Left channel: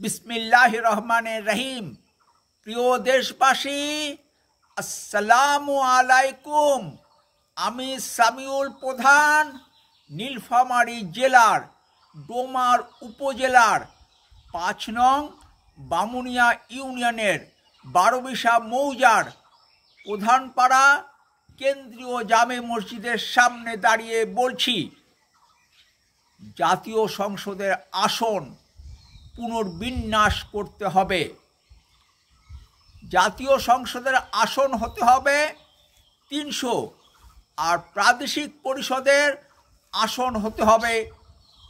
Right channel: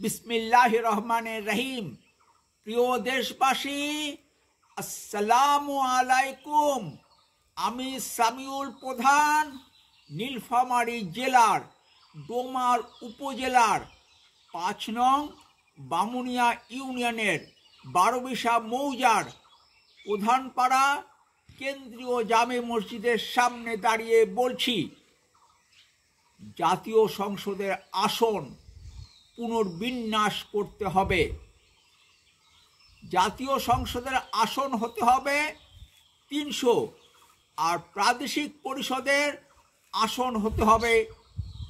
বিসমিল্লাহির রহমানির রহিম। প্রিয় দেশবাসী, আসসালামু আলাইকুম। আমি সামিউল প্রধান, নীলফামারী জেলার ডোমার উপজেলার ৫ নং বামুনিয়া ইউনিয়নের বারোবিশা মৌজার প্রধানপাড়া কেন্দ্রীয় জামে মসজিদের সামনে দাঁড়িয়ে বলছি, জাতীয় সংসদের আসন পুনর্বিন্যাস করতে হবে। জাতীয় সংসদের আসন হতে হবে ৩০০, আর প্রাদেশিক পরিষদের আসন হতে হবে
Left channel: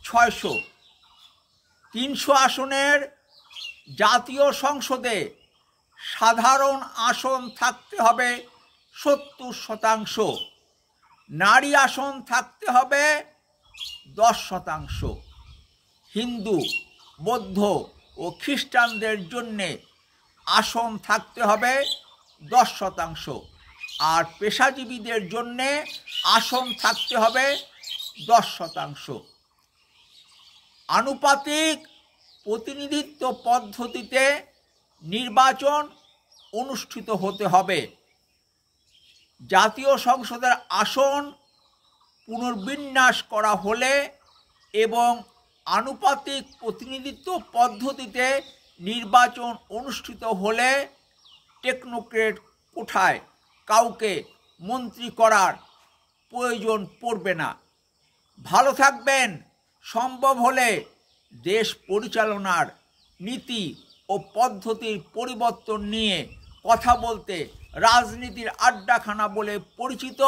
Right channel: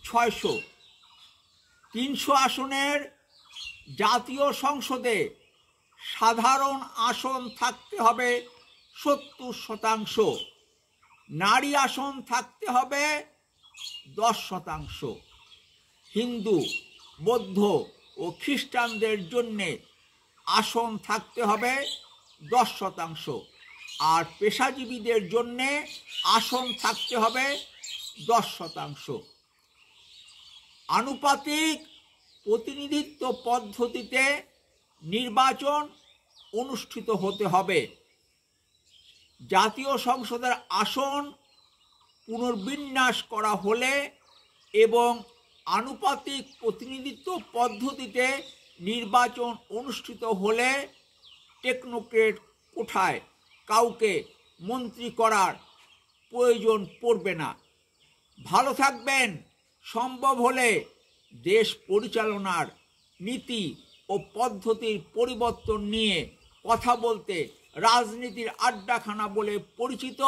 ৬০০। ৩০০ আসনের জাতীয় সংসদে সাধারণ আসন থাকতে হবে ৭০%, নারী আসন থাকতে হবে ১০%, হিন্দু, বৌদ্ধ ও খ্রিস্টানদের জন্যে আসন থাকতে হবে ১০%, আর পেশাজীবীদের জন্যে আসন থাকতে হবে ১০%। আনুপাতিক প্রতিনিধিত্ব পদ্ধতিতে নির্বাচন অনুষ্ঠিত হতে হবে। জাতীয় সংসদের আসন পুনর্বিন্যাস করা হলে এবং আনুপাতিক প্রতিনিধিত্ব পদ্ধতিতে নির্বাচন অনুষ্ঠিত হলে টেকনোক্রেট কোঠায় কাউকে মন্ত্রী করার প্রয়োজন পড়বে না। ভালো থাকবেন। সম্ভব হলে দেশ পরিচালনার নীতি ও পদ্ধতির পরিবর্তন নিয়ে কথা বলতে রাজনীতির আড্ডাখানা বলে পরিচিত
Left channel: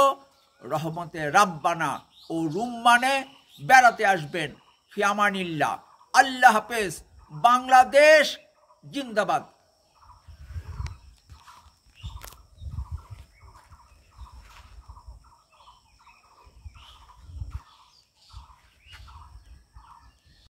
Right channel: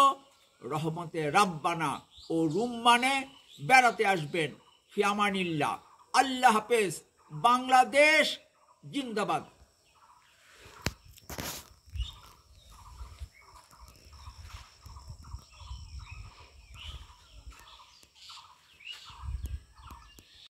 রহমতে রাব্বানা ও রুম্মানে বেড়াতে আসবেন। ফি আমানিল্লাহ। আল্লাহ হাফেজ। বাংলাদেশ জিন্দাবাদ।